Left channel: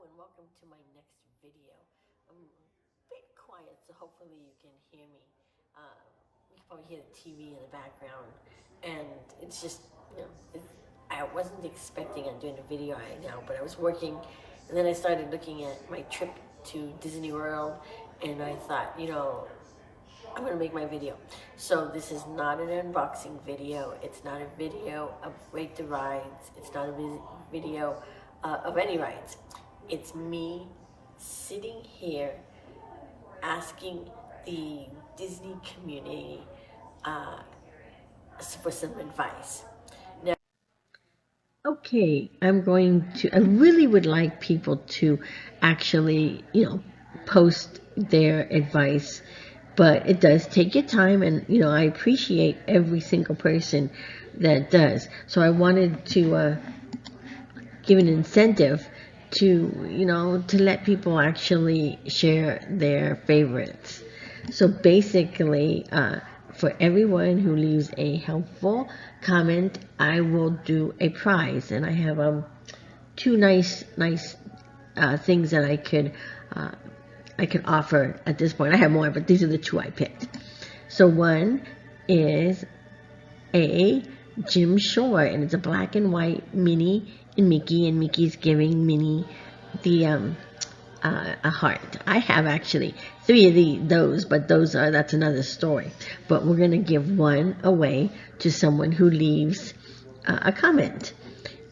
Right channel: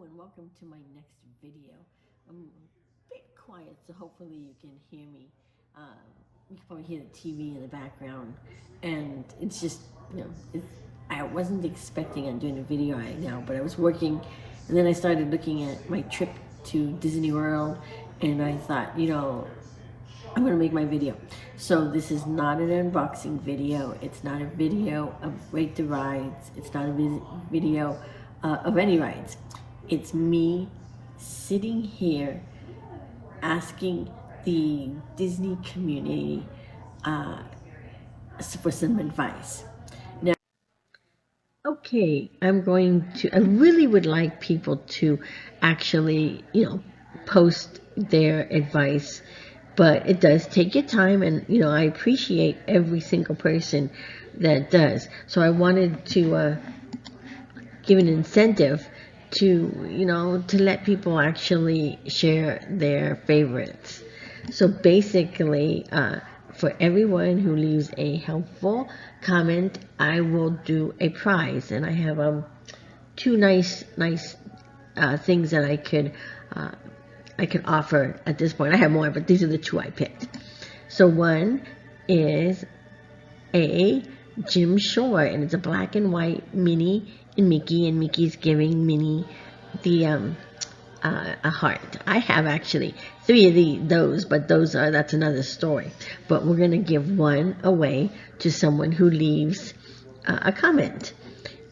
and welcome to my next video. I'm a bit quiet, so hopefully you can hear me. You can probably hear the TV in the background, and it's just, I wasn't expecting on doing a video right now, but I was working, and then I started looking at my trip to Disney World, and I thought, I'm gonna make my video. So this is not an unboxing video. It's not a video of rate the rides. It's not a video of any rides. It's me sitting here asking the Disney community for some advice. Now, okay, I really would like people to actually, post their advice, but it does take your time, and, I appreciate every single person that does. So I wanted to give an incentive to let people actually share their favorites. So basically, for everyone who leaves a helpful comment, I will do a prize, and I have two nice things that I could offer at this point. I have more, but these are the two I picked. So one is a Jim Shore, and it's a black and white Minnie and Mickey's giving Minnie the a heart. I have actually three of those, but that's another story. But we're gonna give one away to someone who leaves a comment,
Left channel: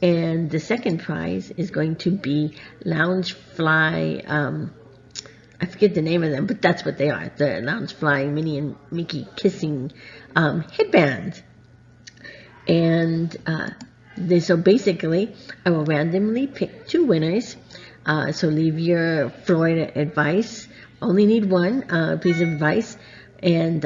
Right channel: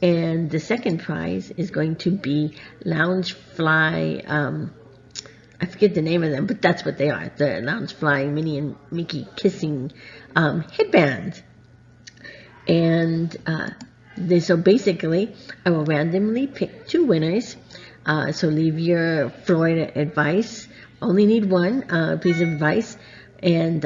and the second prize is going to be Loungefly. I forget the name of them, but that's what they are. The Loungefly Minnie and Mickey kissing headbands. And so basically, I will randomly pick two winners. So leave your Florida advice. Only need one piece of advice. And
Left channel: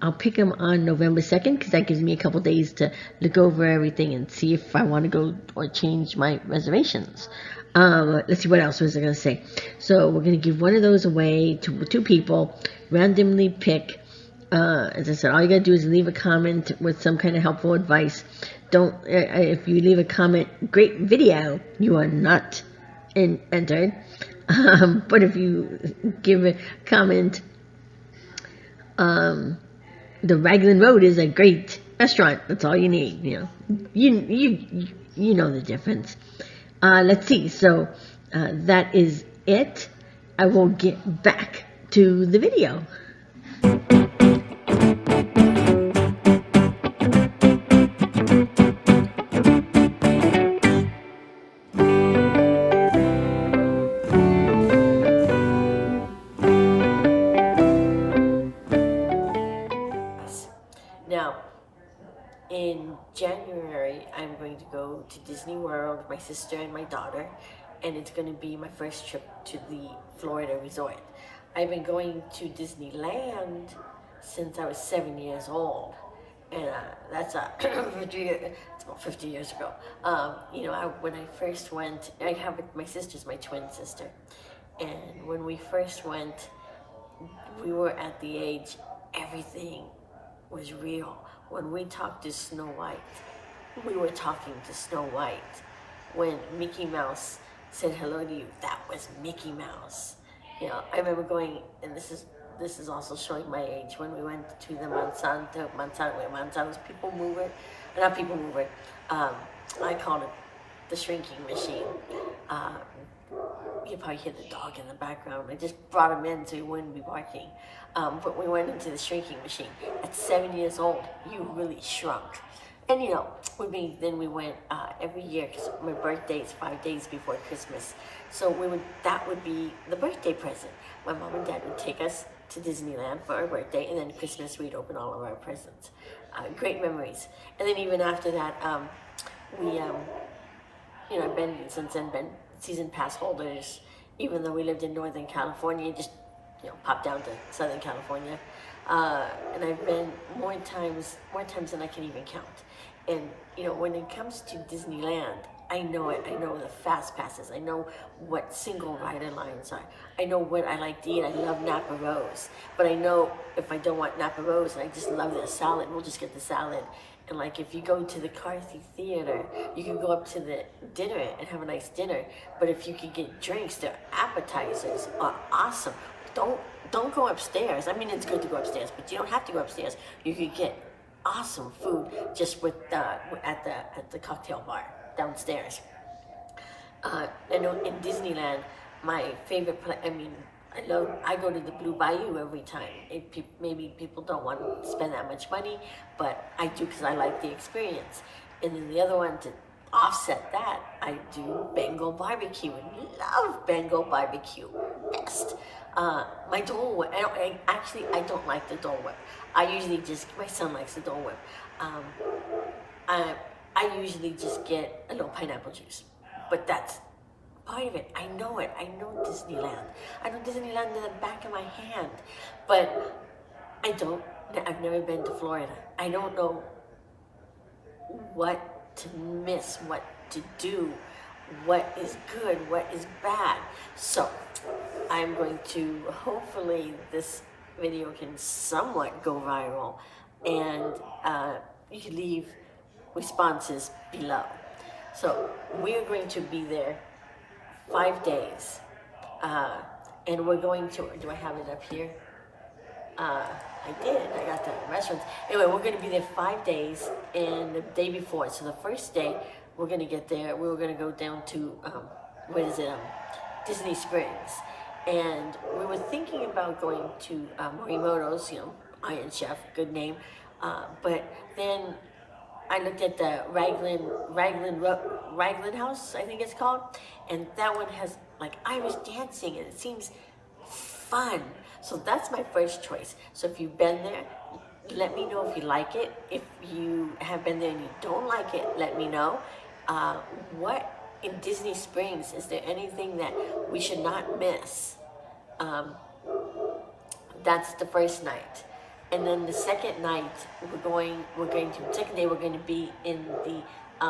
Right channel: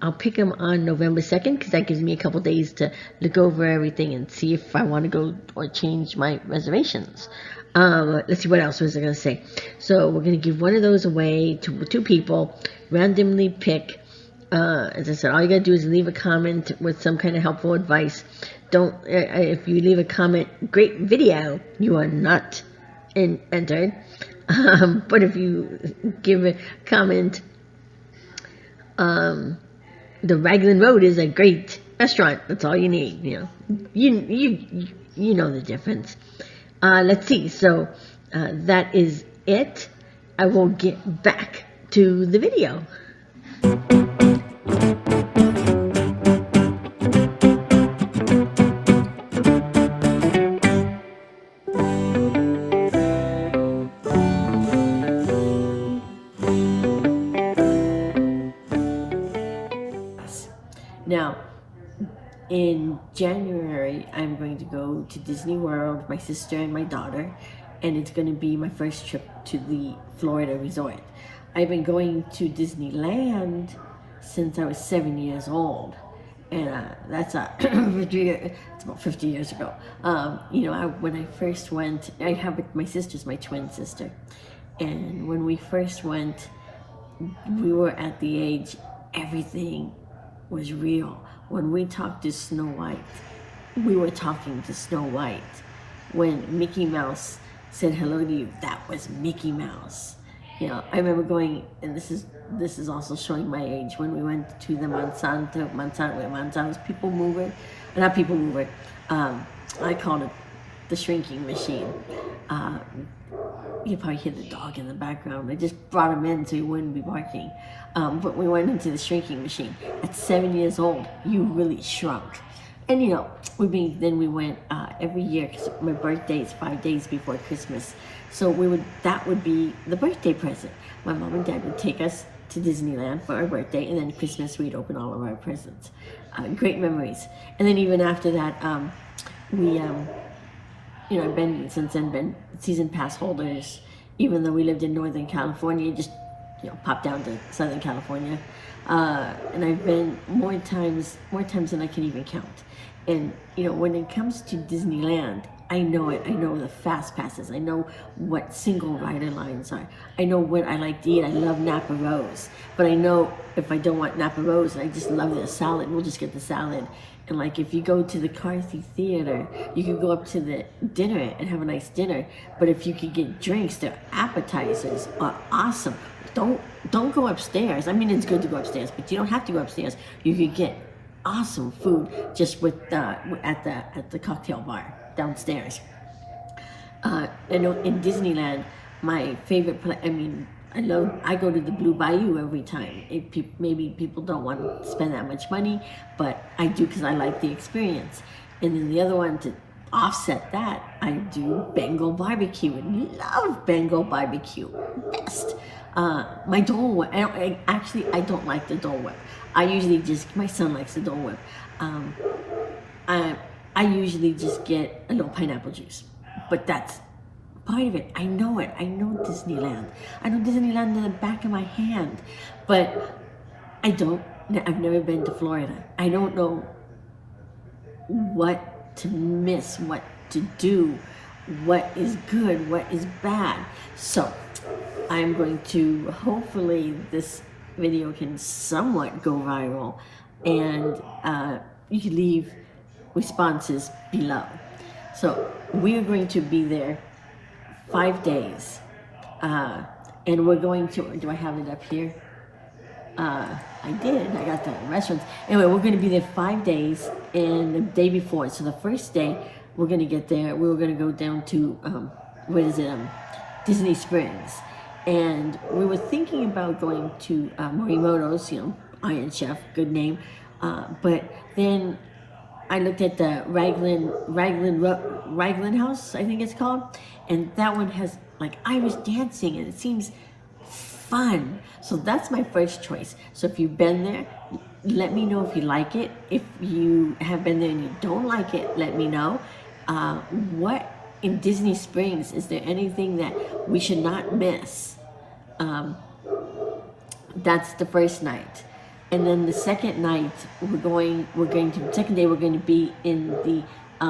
I'll pick them on November 2nd, because that gives me a couple days to look over everything and see if I want to go or change my reservations. Let's see, what else was I going to say? So we're going to give one of those away to two people, randomly pick. As I said, all you got to do is leave a comment with some kind of helpful advice. If you leave a comment, great video, you are not entered. But if you give a comment, the Raglan Road is a great restaurant. That's all you need. You know the difference. Let's see. So that is it. I will get back to the video. Now, in January, I'm going to go to Disney World with my sister and my daughter, and it's going to be my first trip to the Florida resort. I've been going to Disneyland since I was 7 years old, and that's it's about 50 years ago. When I first went, I have my sister's my twin sister, and when we first went, we were at the age everything was real. When we talked to Snow White, we were talking to Snow White. When Mickey Mouse said hello to you, that was Mickey Mouse. I remember going, and this is also showing my age, when we went to the Monsanto's People Mover, not People Mover, I called it the shrinking machine. You probably hear the dog in the background. I just brought him in so he wouldn't be barking. But we went into the shrinking machine. At 7 years old, you really shrunk. And then we went every year, because my birthday is 5 days before Christmas. So that would be the birthday present. My mom and dad would take us to Disneyland for our birthday, and then Christmas we'd open all of our presents. Great memories. And then even after that, I've been season pass holders, even though we lived in Northern California, just popped down to Southern California, and I've been more times than I can even count. And when it comes to Disneyland, I know it. I know the fast passes. I know what single rider lines are. I know what I like to eat. I love Napa Rose. But I know if I don't want Napa Rose and I just love their salad, we'll just get the salad. And like if you go to the Carthy Theater, you can go up to the dinner and have a nice dinner. But if you could get drinks, their appetizers are awesome. Don't go upstairs. I mean, it's good to go upstairs, but you don't have to go upstairs. You could get awesome food just with at the cocktail bar downstairs. I know in Disneyland, my favorite place. I mean, I go to the Blue Bayou every time. Maybe people don't want to spend that much money, but I do because I like the experience. And then the other one to offset that, I do Bengal barbecue. And love Bengal barbecue, best. My Dole Whip. I don't like the Dole Whip. I usually my son likes the Dole Whip. I usually just get a little pineapple juice, but that's part of it. I know it. I know Disneyland. I know Disneyland in the back of my hand, but I've never been to Florida. I don't know what to miss, what to do, what is good, what is bad. So I'm going to, hopefully this video can somewhat go viral, and you can leave responses below. So we are going to be there 5 days, and we're going to, do I have it up here? I did, I got the restaurants. Anyway, we're going to be there 5 days, and the day before, so the first day we're going to get there, we were going to go down to, Disney Springs. And we were thinking about going to Morimoto's, Iron Chef, good name. But then I looked at the Raglan House, I think it's called, and that one has like Irish dancing, and it seems fun. So that's my first choice. So if you've been there, let me know if you like it. If you have been there and you don't like it, let me know. What in Disney Springs, is there anything that we should not miss? That's the first night. And then the second night, second day we're going to be in the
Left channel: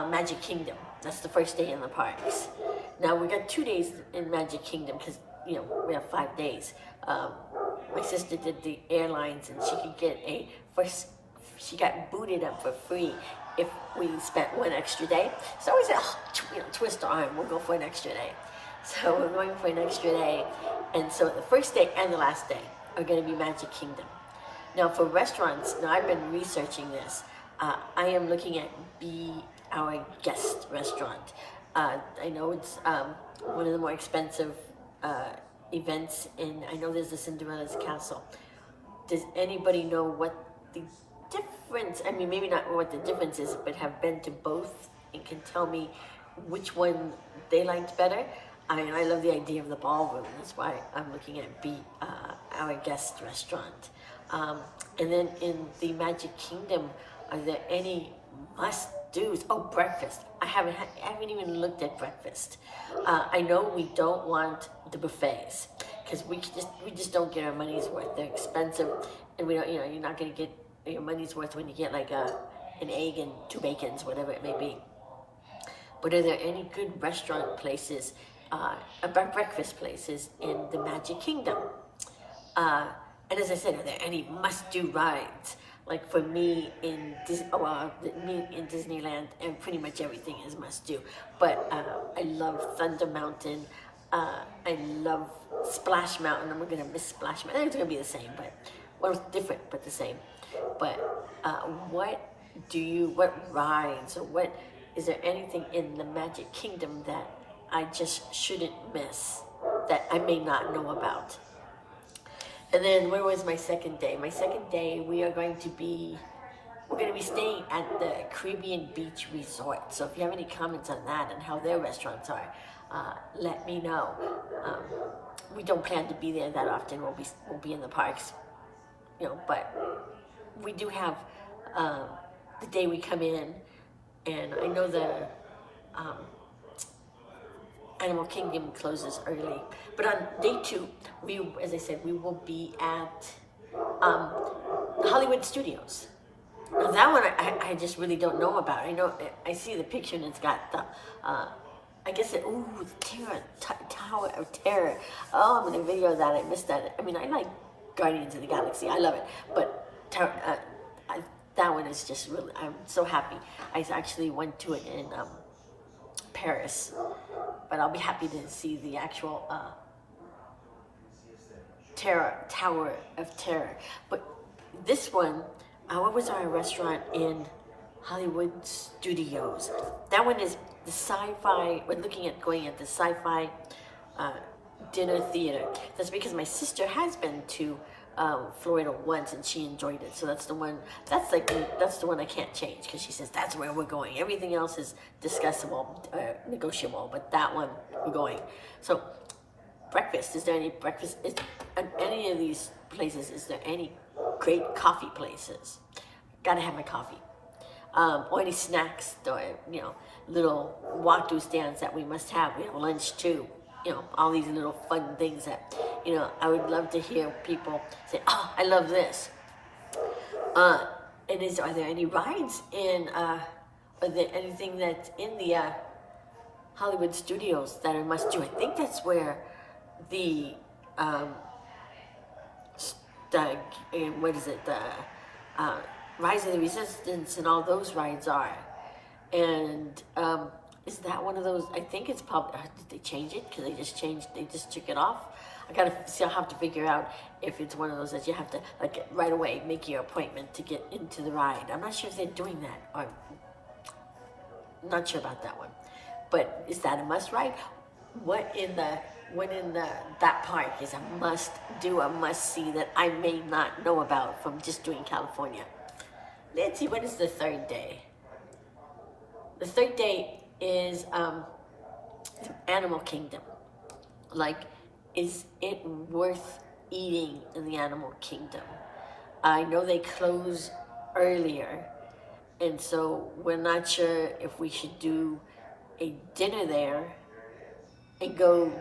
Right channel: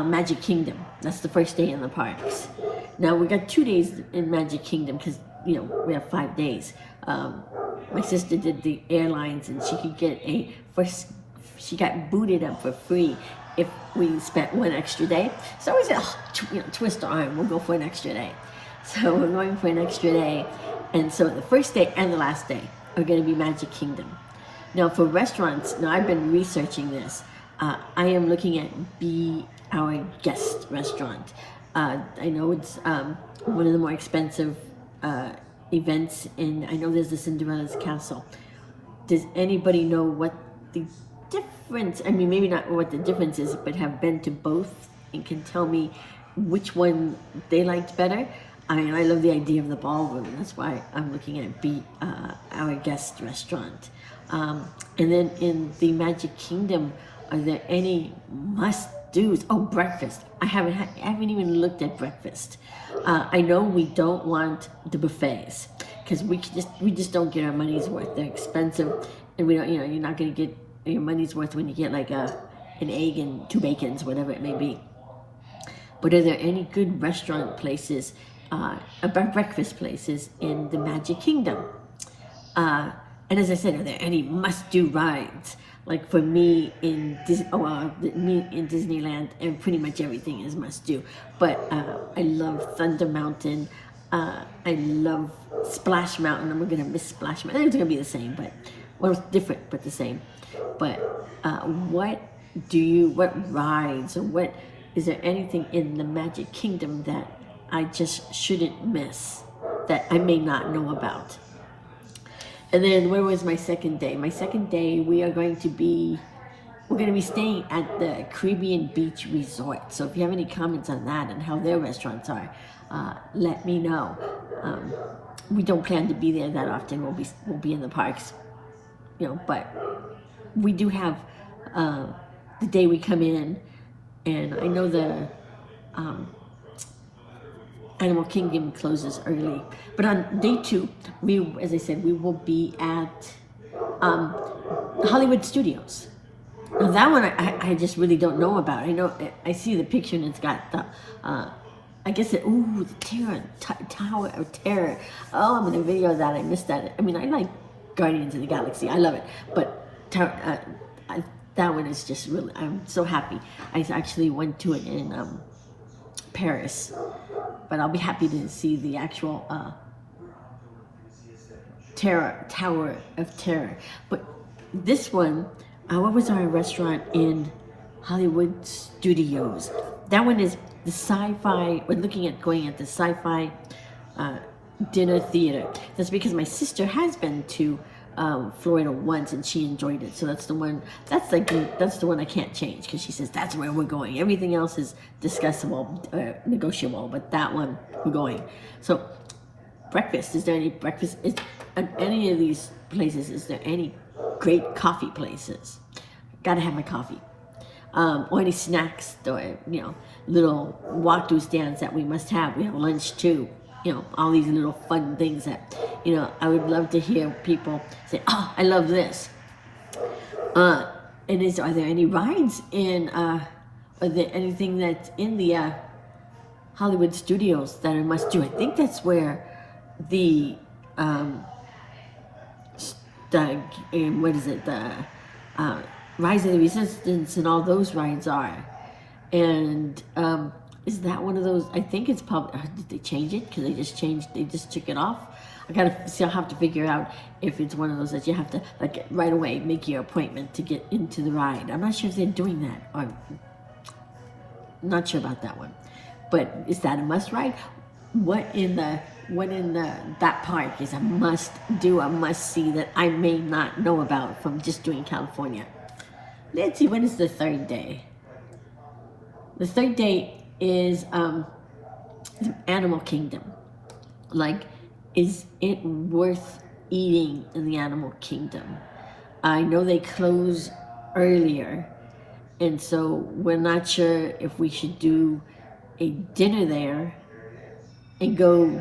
Magic Kingdom. That's the first day in the parks. Now we got 2 days in Magic Kingdom because, we have 5 days. My sister did the airlines, and she could get she got booted up for free if we spent one extra day. So we said, twist our arm, we'll go for an extra day. So we're going for an extra day. And so the first day and the last day are going to be Magic Kingdom. Now for restaurants, I've been researching this. I am looking at Be Our Guest restaurant. I know it's one of the more expensive events, and I know there's the Cinderella's Castle. Does anybody know what the difference, maybe not what the difference is, but have been to both and can tell me which one they liked better? I love the idea of the ballroom. That's why I'm looking at Be Our Guest restaurant. And then in the Magic Kingdom, are there any must-dos? Oh, breakfast. I haven't even looked at breakfast. I know we don't want the buffets because we just don't get our money's worth. They're expensive, and we don't. You're not going to get your money's worth when you get like an egg and 2 bacons, whatever it may be. But are there any good restaurant places, breakfast places in the Magic Kingdom? And as I said, are there any must-do rides? Like for me in Disneyland, and pretty much everything is must-do. But I love Thunder Mountain. I love Splash Mountain. I'm gonna miss Splash Mountain. I think it's gonna be the same, but different, but the same. But what rides, or is there anything in the Magic Kingdom that I just shouldn't miss, that I may not know about? And then where was my second day? My second day, we're going to be staying at the Caribbean Beach Resort. So if you have any comments on that and how their restaurants are, let me know. We don't plan to be there that often. We'll be in the parks, but we do have the day we come in, and I know the Animal Kingdom closes early, but on day 2, as I said, we will be at Hollywood Studios. Now that one I just really don't know about. I know I see the picture and it's got the, I guess the Tower of Terror. Oh, I'm in a video of that. I missed that. I mean, I like Guardians of the Galaxy. I love it. But that one is just really, I'm so happy. I actually went to it in Paris. But I'll be happy to see the actual Tower of Terror. But this one, what was our restaurant in Hollywood Studios? That one is the sci-fi. We're looking at going at the sci-fi dinner theater. That's because my sister has been to Florida once and she enjoyed it. So that's the one. That's the one I can't change because she says that's where we're going. Everything else is discussable, negotiable, but that one we're going. So breakfast. Is there any breakfast? At any of these places, is there any great coffee places? Gotta have my coffee. Or any snacks or, little walk-through stands that we must have. We have lunch too. All these little fun things that, I would love to hear people say, oh, I love this. And are there any rides in, are there anything that's in the Hollywood Studios that I must do? I think that's where the what is it, the Rise of the Resistance and all those rides are. And is that one of those? I think it's probably, did they change it? Because they just took it off. I'll have to figure out if it's one of those that you have to, like, right away make your appointment to get into the ride. I'm not sure if they're doing that. I'm not sure about that one. But is that a must ride? What in that park is a must do, a must see that I may not know about from just doing California? Let's see, when is the third day? The third day is the Animal Kingdom. Like, is it worth eating in the Animal Kingdom? I know they close earlier, and so we're not sure if we should do a dinner there and go,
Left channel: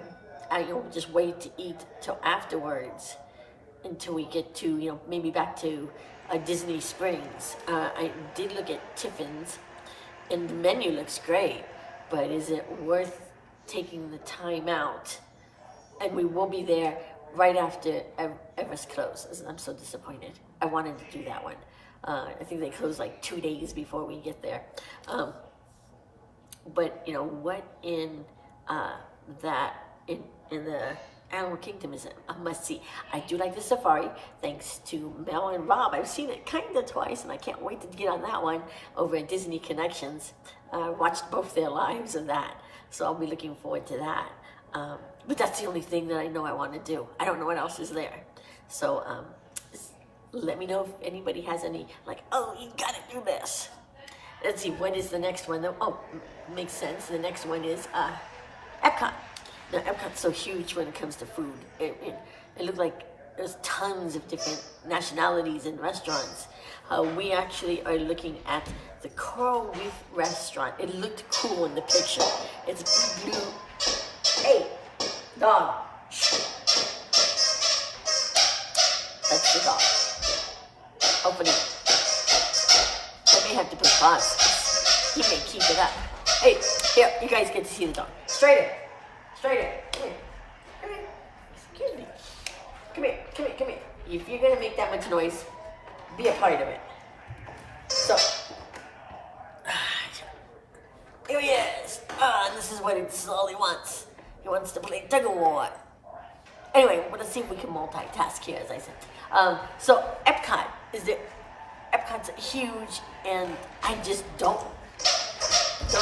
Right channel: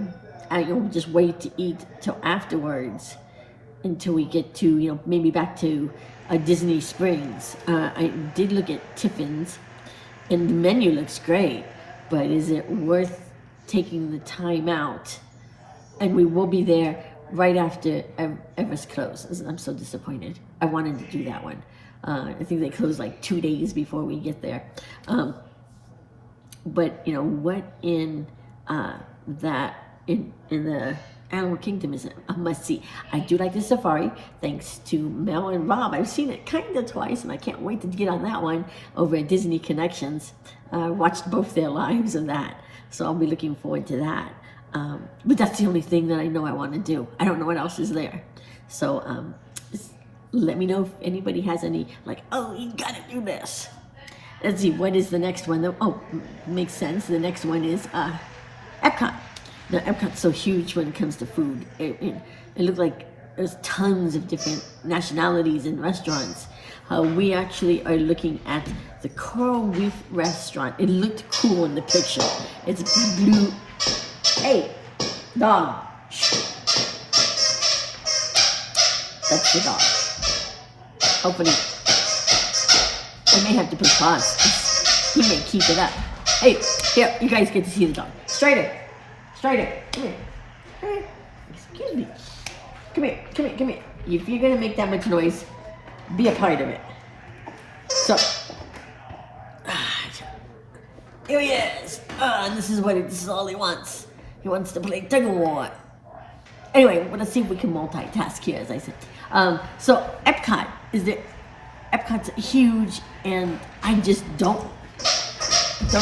just wait to eat till afterwards, until we get to, maybe back to Disney Springs. I did look at Tiffin's, and the menu looks great, but is it worth taking the time out? And we will be there right after Everest closes. I'm so disappointed. I wanted to do that one. I think they close like 2 days before we get there. But what in in the Animal Kingdom is a must-see. I do like the safari, thanks to Mel and Rob. I've seen it kind of twice, and I can't wait to get on that one over at Disney Connections. Watched both their lives of that, so I'll be looking forward to that. But that's the only thing that I know I want to do. I don't know what else is there. So let me know if anybody has any, like, oh, you gotta do this. Let's see, what is the next one? Oh, makes sense. The next one is Epcot. Now, Epcot's so huge when it comes to food. It looked like there's tons of different nationalities and restaurants. We actually are looking at the Coral Reef restaurant. It looked cool in the picture. It's blue. Hey, dog. That's the dog. Hopefully, I may have to put pause, 'cause he may keep it up. Hey, here, you guys get to see the dog. Straighter. Come here. Hey, excuse me. Come here. If you're gonna make that much noise, be a part of it. So, here he is. And this is all he wants. He wants to play tug of war. Anyway, let's see if we can multitask here, as I said. So Epcot Epcot's huge, and I just don't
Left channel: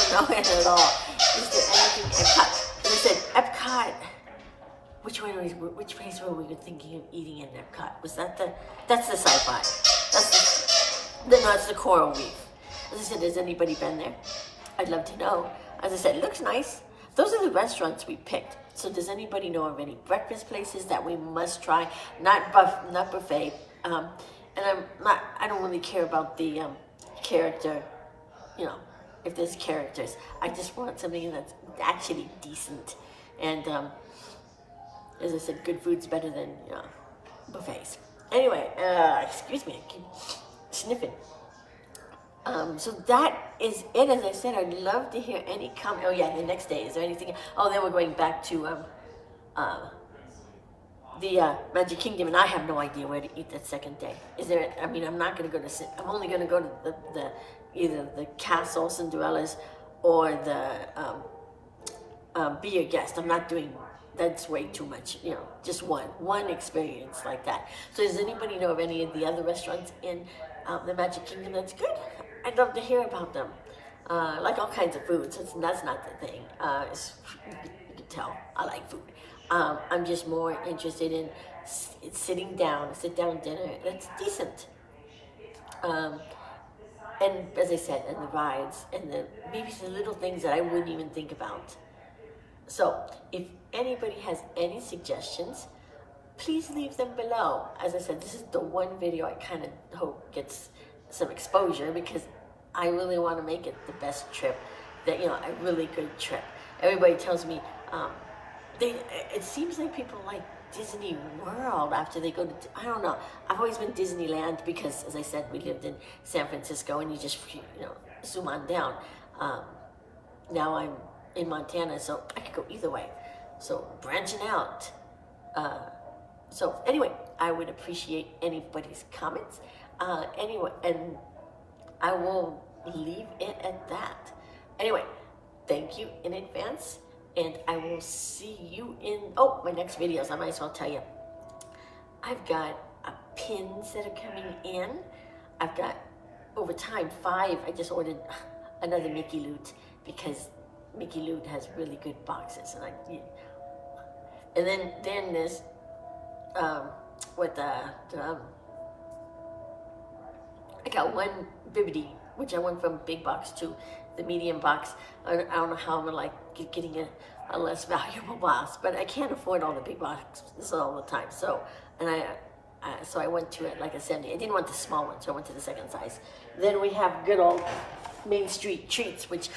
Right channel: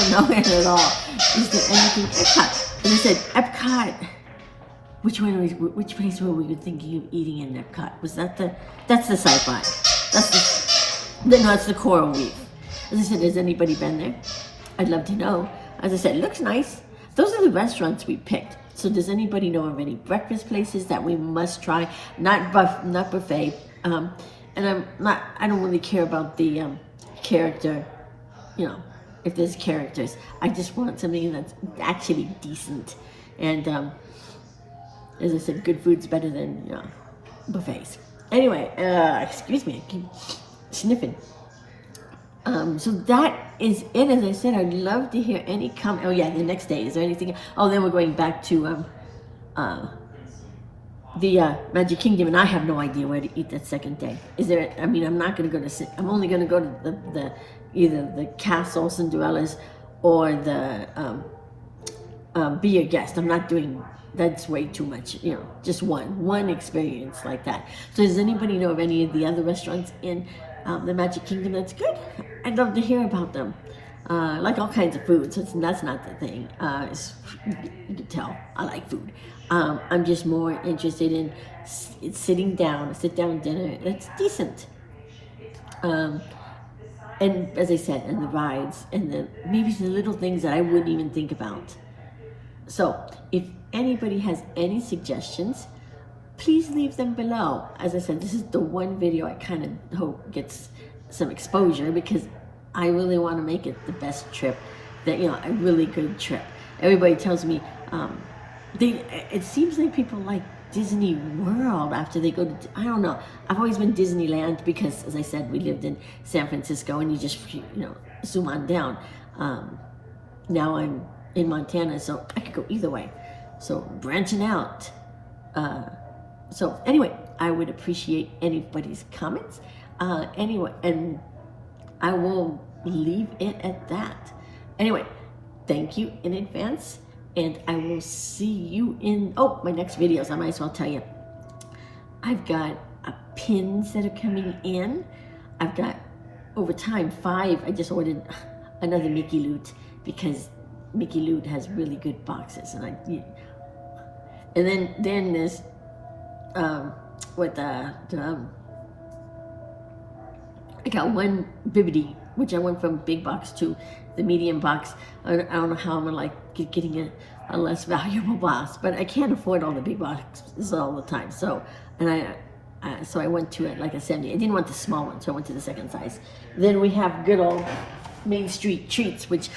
know it at all. Is there anything Epcot? And I said Epcot. Which place were we thinking of eating in Epcot? Was that that's the sci-fi? That's the Coral Reef. As I said, has anybody been there? I'd love to know. As I said, it looks nice. Those are the restaurants we picked. So does anybody know of any breakfast places that we must try? Not buffet. And I don't really care about the character, if there's characters. I just want something that's actually decent. And as I said, good food's better than buffets. Anyway, excuse me, I keep sniffing. So that is it. As I said, I'd love to hear any comment. Oh yeah, the next day. Is there anything? Oh, then we're going back to the Magic Kingdom, and I have no idea where to eat that second day. Is there? I mean, I'm not going to go to. I'm only going to go to the either the Castle Cinderella's or the Be a Guest. I'm not doing. That's way too much. You know, just one experience like that. So does anybody know of any of the other restaurants in the Magic Kingdom that's good? I'd love to hear about them. Like all kinds of food, so that's not the thing. You can tell I like food. I'm just more interested in sitting down, a sit-down dinner that's decent. And as I said, and the rides, and maybe the little things that I wouldn't even think about. So if anybody has any suggestions, please leave them below. As I said, this is the one video I kind of hope gets some exposure, because I really want to make it the best trip, that, you know, a really good trip. Everybody tells me, it seems like people like Disney World after they go to, I don't know. I've always been Disneyland because, as I said, we lived in San Francisco, and you just, you know, zoom on down. Now I'm in Montana, so I could go either way. So branching out. So anyway, I would appreciate anybody's comments. Anyway, and I will leave it at that. Anyway, thank you in advance, and I will see you in, my next videos. I might as well tell you. I've got pins that are coming in. I've got, over time, 5. I just ordered another Mickey Loot, because Mickey Loot has really good boxes, and then there's I got one Bibbidi, which I went from big box to the medium box. I don't know how I'm gonna getting a less valuable box, but I can't afford all the big boxes all the time. So, and so I went to it like a 70. I didn't want the small one, so I went to the second size. Then we have good old Main Street Treats, which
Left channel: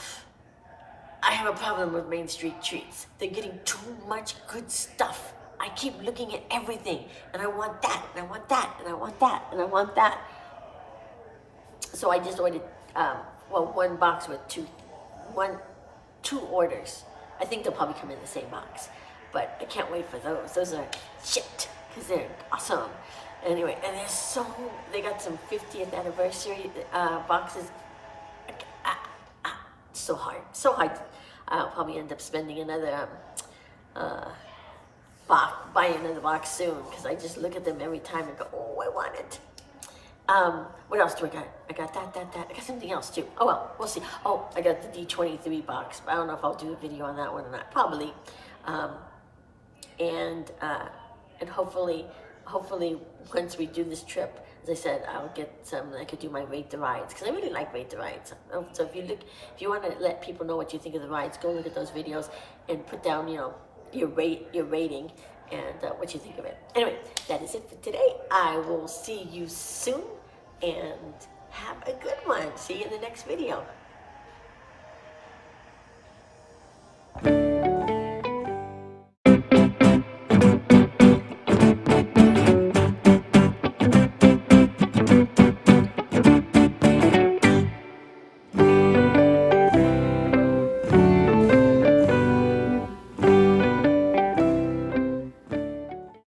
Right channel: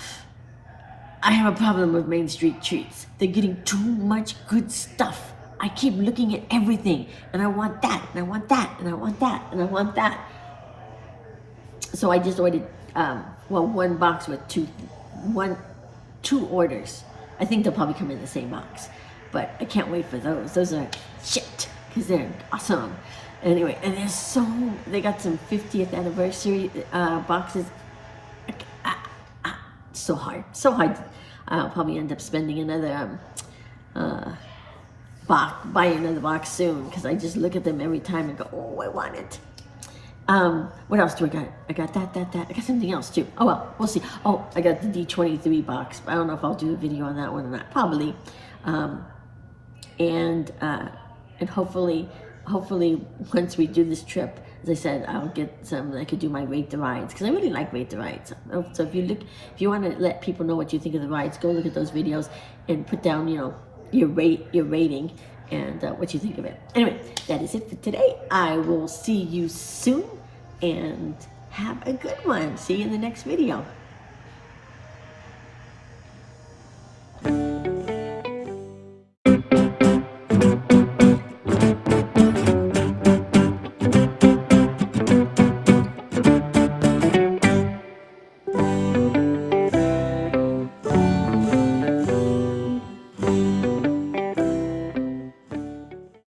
I have a problem with Main Street Treats. They're getting too much good stuff. I keep looking at everything, and I want that, and I want that, and I want that, and I want that. So I just ordered, one box with two orders. I think they'll probably come in the same box, but I can't wait for those. Those are shit, because they're awesome. Anyway, and they got some 50th anniversary boxes. So hard. I'll probably end up spending another buy another box soon, because I just look at them every time and go, oh, I want it. What else do I got? I got that. I got something else too. Oh well, we'll see. Oh, I got the D23 box. I don't know if I'll do a video on that one or not. Probably. And hopefully once we do this trip, as I said, I'll get some. I could do my rate the rides, because I really like rate the rides. So if you want to let people know what you think of the rides, go look at those videos and put down, you know, your rating, and what you think of it. Anyway, that is it for today. I will see you soon, and have a good one. See you in the next video.